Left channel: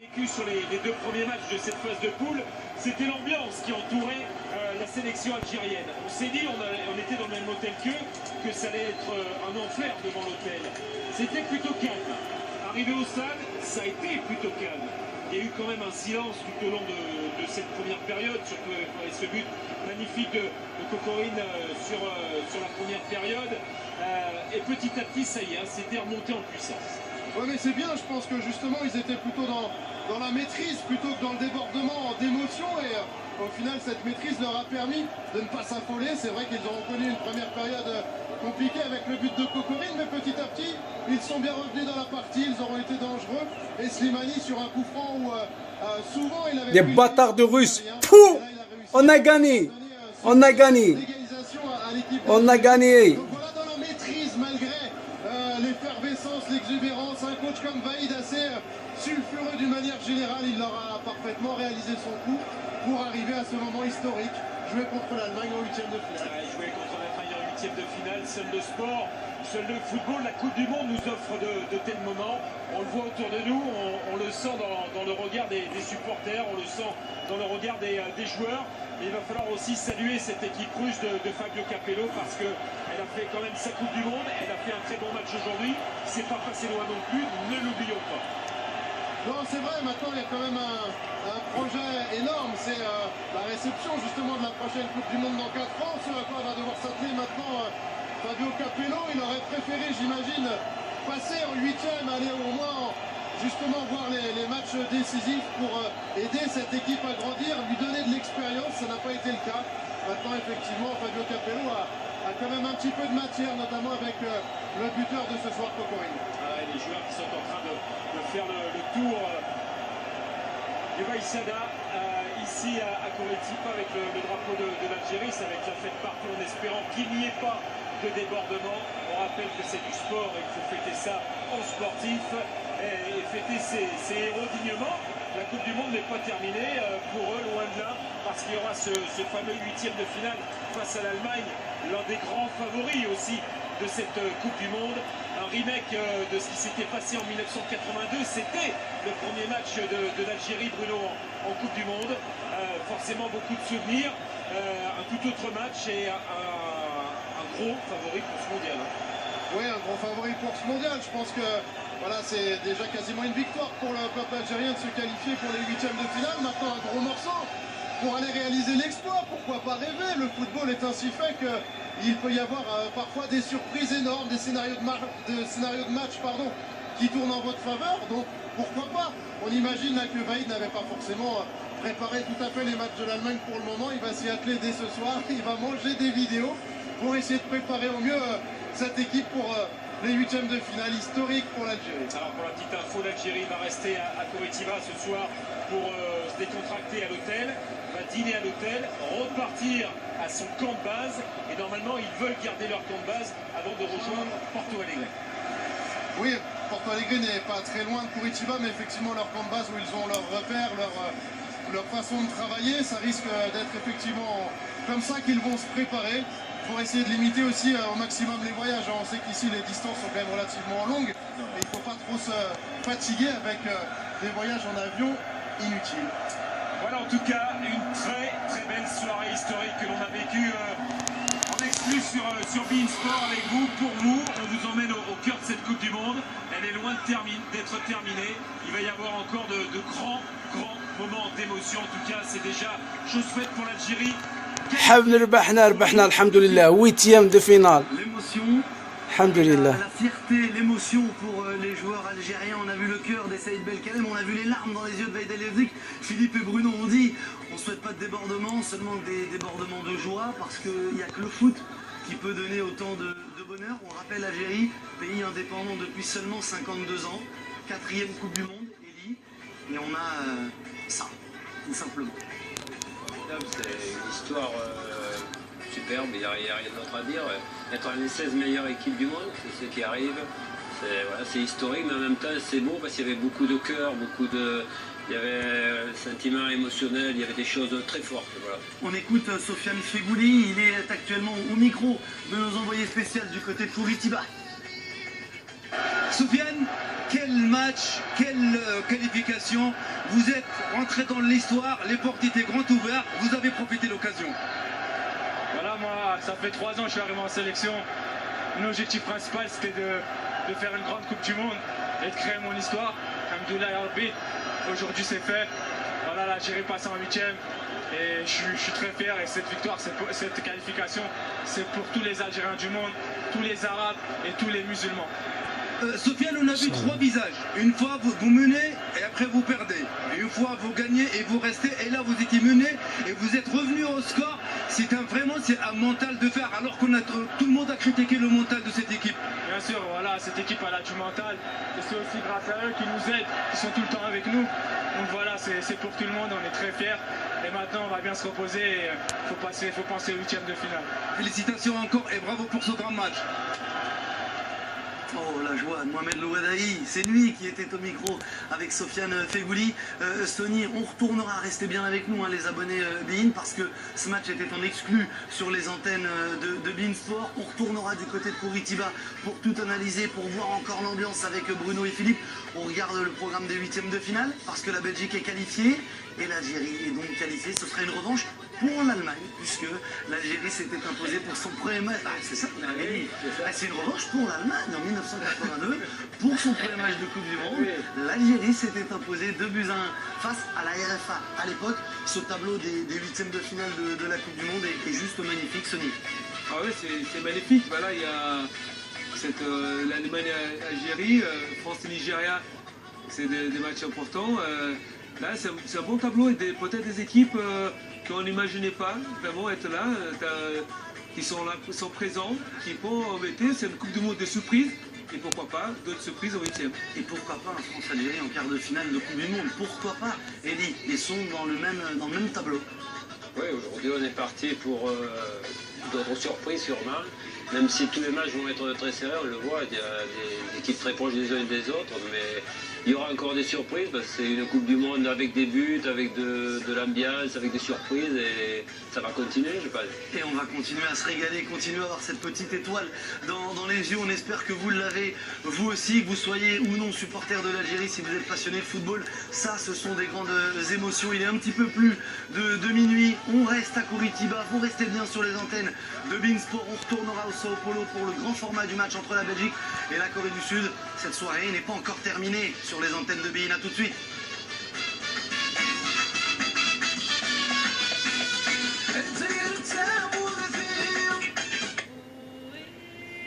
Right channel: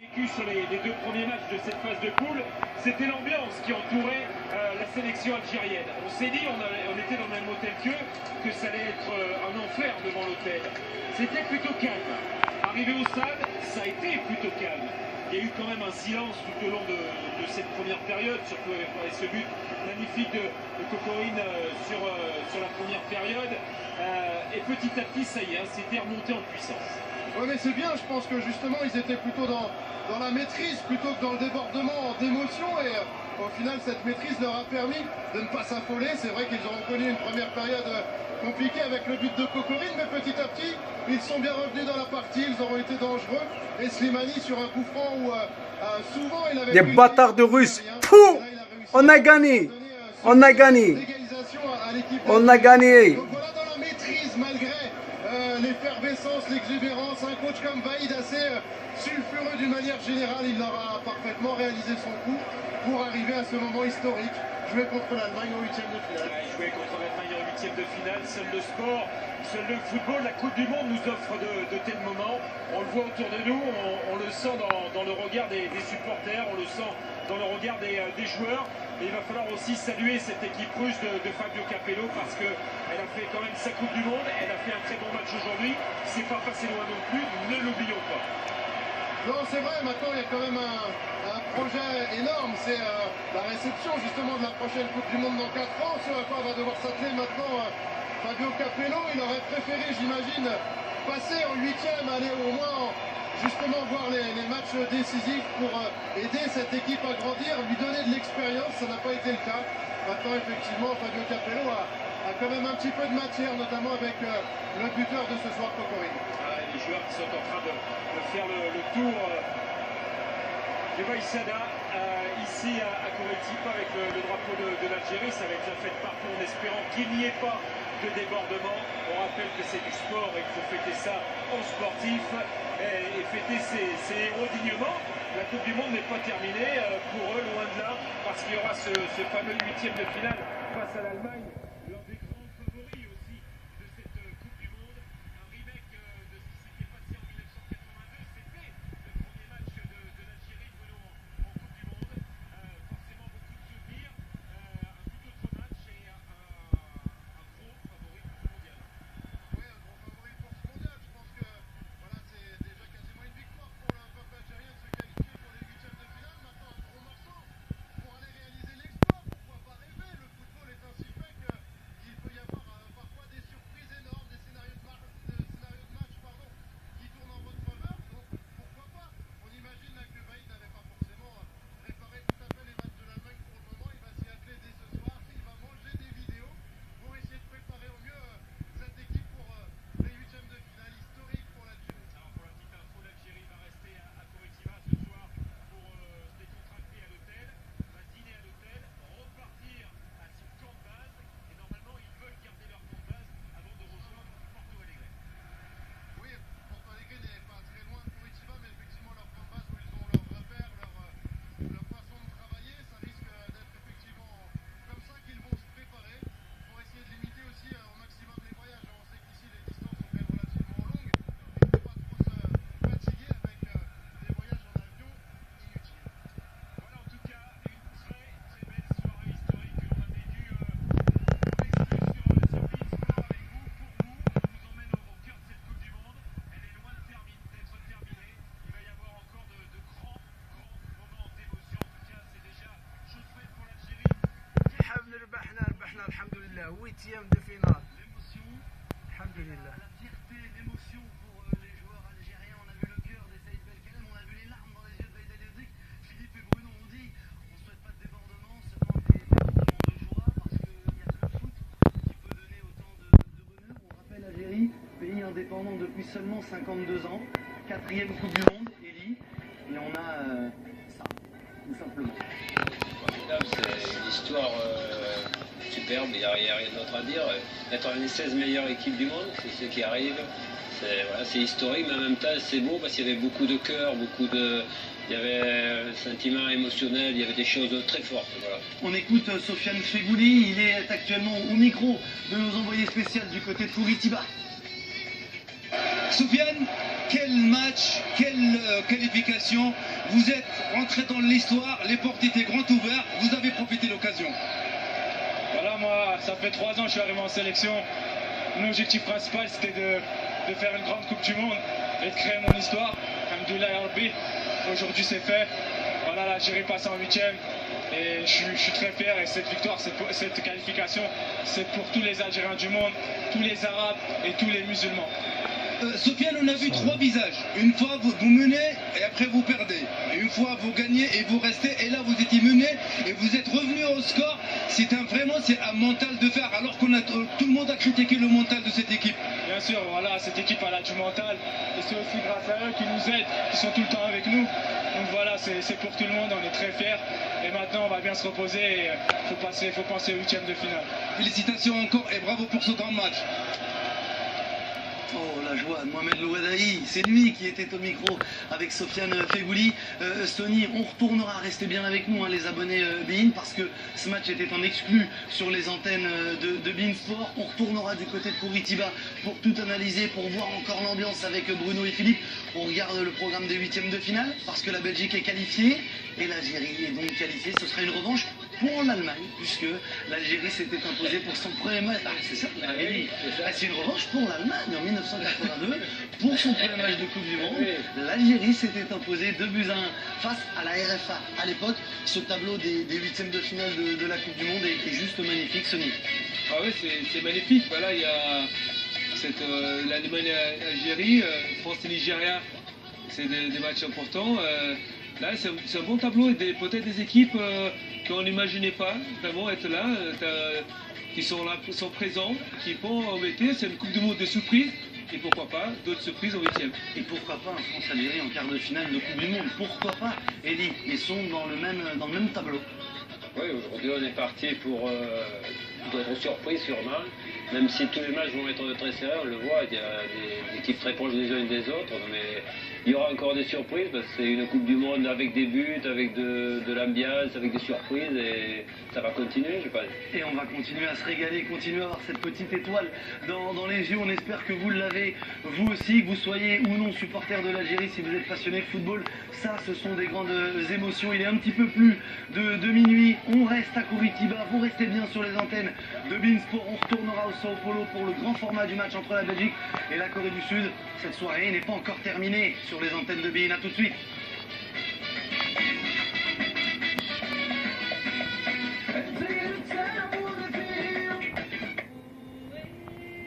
Sur les deux premiers matchs de cette phase de poule, c'était l'ambiance qui entourait la sélection algérienne. On s'est dit, on était dans le même hôtel qu'eux, que ça allait être un enfer devant l'hôtel. C'était plutôt calme. Arrivé au stade, ça a été plutôt calme. Il y a eu quand même un silence tout au long de cette première période, surtout avec ce but magnifique de Kokorine sur la première période. Et petit à petit, ça y est, c'était remonté en puissance. Oui, mais c'est bien, je pense que justement ils étaient plutôt dans la maîtrise plutôt que dans le débordement d'émotion et au final cette maîtrise leur a permis de ne pas s'affoler. C'est vrai qu'ils ont connu une première période compliquée avec le but de Kokorine, mais petit à petit ils sont bien revenus dans la partie, ils auront été dangereux et Slimani sur un coup franc où souvent il avait... Des bâtards de Russes. Pouh, on a gagné, on a gagné, on a gagné. Donc voilà, dans la maîtrise malgré l'effervescence, l'exubérance, un coach comme Vaïd assez sulfureux d'une manière générale, il aura parfaitement réalisé son coup pour arriver à ce moment historique, jouer contre l'Allemagne en huitième de finale. Jouer contre l'Allemagne en huitième de finale, seul le sport, seul le football, la Coupe du Monde nous offre de tels moments. On le voit autour de nous, on le sent dans le regard des supporters, on le sent dans le regard des joueurs. Et il va falloir aussi saluer cette équipe russe de Fabio Capello parce qu'elle a fait quand même sa Coupe du Monde, elle a fait un très bon match aujourd'hui, c'est pas passé loin non plus, ne l'oublions pas. Non, c'est vrai, maintenant il y a quand même un projet énorme, c'est la réception justement de la prochaine Coupe du Monde dans 4 ans, sur à quoi va devoir s'atteler maintenant Fabio Capello. Il aurait préféré, j'imagine, passer en huitième, aller au moins justement voir les matchs décisifs pour aider cette équipe à grandir, lui donner de l'expérience. Ça n'a pas été le cas. Maintenant, effectivement, Fabio Capello a quand même un petit peu de matière, notamment avec le buteur de ce soir, Kokorine. Les joueurs qui sont en train de faire le tour de Vaïsada ici à Curitiba avec le drapeau de l'Algérie. Ça va être la fête partout en espérant qu'il n'y ait pas de débordement. On rappelle que c'est du sport et il faut fêter ça en sportif et fêter ses héros dignement. La Coupe du Monde n'est pas terminée pour eux, loin de là, parce qu'il y aura ce fameux huitième de finale face à l'Allemagne, l'un des grands favoris aussi de cette Coupe du Monde. Un remake de ce qui s'était passé en 1982, c'était le premier match de l'Algérie, Bruno, en Coupe du Monde. Forcément beaucoup de souvenirs, un tout autre match et un gros favori pour ce mondial. Oui, un gros favori pour ce mondial. Je pense que voilà, c'est déjà quasiment une victoire pour le peuple algérien de se qualifier pour les huitièmes de finale. Maintenant, un gros morceau pour aller réaliser l'exploit. Pourquoi pas rêver? Le football est ainsi fait qu'il peut y avoir parfois des surprises énormes, des scénarios de match qui tournent en votre faveur. Donc, pourquoi pas? On imagine là que Vaïd n'avait pas forcément préparé tout à fait les matchs de l'Allemagne pour le moment. Il va s'y atteler dès ce soir. Il va manger des vidéos pour essayer de préparer au mieux cette équipe pour les huitièmes de finale historiques pour l'Algérie. Alors pour la petite info, l'Algérie va rester à Curitiba ce soir pour se décontracter à l'hôtel, va dîner à l'hôtel, repartir à son camp de base et normalement ils veulent garder leur camp de base avant de rejoindre Porto Alegre. Oui, Porto Alegre n'est pas très loin de Curitiba, mais effectivement leur camp de base où ils ont leurs repères, leur façon de travailler, ça risque d'être effectivement comme ça qu'ils vont se préparer. Pour essayer de limiter aussi au maximum les voyages. On sait qu'ici les distances sont quand même relativement longues et il ne faut pas trop se fatiguer avec des voyages en avion inutiles. Voilà en tout cas une très très belle soirée historique que l'on a vécue en exclus sur beIN Sport avec vous, pour vous. On vous emmène au cœur de cette Coupe du Monde. Elle est loin d'être terminée. Il va y avoir encore de grands moments d'émotion. En tout cas c'est déjà chose faite pour l'Algérie. ربحنا الحمد لله 8e de finale. L'émotion, la fierté, l'émotion pour les joueurs algériens. On a vu le cœur des Saïd Belkalem, on a vu les larmes dans les yeux de Vaïd El Yevzik. Philippe et Bruno ont dit on ne souhaite pas de débordement, seulement des débordements de joie, parce qu'il n'y a que le foot qui peut donner autant de bonheur. On rappelle l'Algérie, pays indépendant depuis seulement 52 ans, 4e Coupe du Monde, Elie, et on a ça, tout simplement. C'est une histoire superbe, il n'y a rien d'autre à dire. Être les 16 meilleures équipes du monde, c'est ce qui arrive. C'est historique, mais en même temps c'est beau parce qu'il y avait beaucoup de cœur, il y avait un sentiment émotionnel, il y avait des choses très fortes. Voilà. On écoute Sofiane Fegouli, il est actuellement au micro de nos envoyés spéciaux du côté de Curitiba. Sofiane, quel match, quelle qualification. Vous êtes rentré dans l'histoire, les portes étaient grandes ouvertes, vous avez profité de l'occasion. Voilà, moi, ça fait 3 ans que je suis arrivé en sélection. Mon objectif principal, c'était de faire une grande Coupe du Monde et de créer mon histoire. Alhamdoulilah ya Rabbi. Aujourd'hui, c'est fait. Voilà, l'Algérie passe en 8e. Et je suis très fier. Et cette victoire, cette qualification, c'est pour tous les Algériens du monde, tous les Arabes et tous les musulmans. Sofiane, on a vu 3 visages. Une fois, vous menez et après vous perdez. Et une fois, vous gagnez et vous restez. Et là, vous étiez mené et vous êtes revenu au score. C'est un mental de fer. Alors que tout le monde a critiqué le mental de cette équipe. Bien sûr, voilà, cette équipe elle a du mental. Et c'est aussi grâce à eux qui nous aident, qui sont tout le temps avec nous. Donc voilà, c'est pour tout le monde. On est très fiers. Et maintenant, on va bien se reposer. Et faut penser au 8e de finale. Félicitations encore et bravo pour ce grand match. Oh la joie de Mohamed Louadaï, c'est lui qui était au micro avec Sofiane Fegouli. Sony, on retournera, restez bien avec nous les abonnés beIN, parce que ce match était en exclu sur les antennes de beIN Sport. On retournera du côté de Curitiba pour tout analyser, pour voir encore l'ambiance avec Bruno et Philippe. On regarde le programme des 8e de finale parce que la Belgique est qualifiée et l'Algérie est donc qualifiée. Ce sera une revanche pour l'Allemagne, puisque l'Algérie s'était imposée pour son premier match. Ah, c'est ça, c'est une revanche pour l'Allemagne en 1982, pour son premier match de Coupe du Monde. L'Algérie s'était imposée 2-1 face à la RFA. À l'époque, ce tableau des 8e de finale de la Coupe du Monde est juste magnifique, Sony. Ah oui, c'est magnifique. Voilà, il y a l'Allemagne-Algérie, France et Nigeria, c'est des matchs importants. Là, c'est un bon tableau et peut-être des équipes qu'on n'imaginait pas vraiment être là, qui sont là, sont présents, qui vont embêter. C'est une Coupe du Monde de surprises. Et pourquoi pas d'autres surprises au 8e. Et pourquoi pas un France-Algérie en quart de finale de Coupe du Monde. Pourquoi pas, Elie, ils sont dans le même tableau. Oui, aujourd'hui on est parti pour d'autres surprises sûrement. Même si tous les matchs vont être très serrés, on le voit, il y a des équipes très proches des unes des autres, mais il y aura encore des surprises, parce que c'est une Coupe du Monde avec des buts, avec de l'ambiance, avec des surprises, et ça va continuer, je pense. Et on va continuer à se régaler, continuer à avoir cette petite étoile dans les yeux. On espère que vous l'avez, vous aussi, que vous soyez ou non supporter de l'Algérie, si vous êtes passionné de football. Ça, ce sont des grandes émotions. Il est un petit peu plus de minuit. On reste à Curitiba, vous restez bien sur les antennes de beIN Sport. On retournera au Sao Paulo pour le grand format du match entre la Belgique et la Corée du Sud. Cette soirée n'est pas encore terminée sur les antennes de beIN. À tout de suite.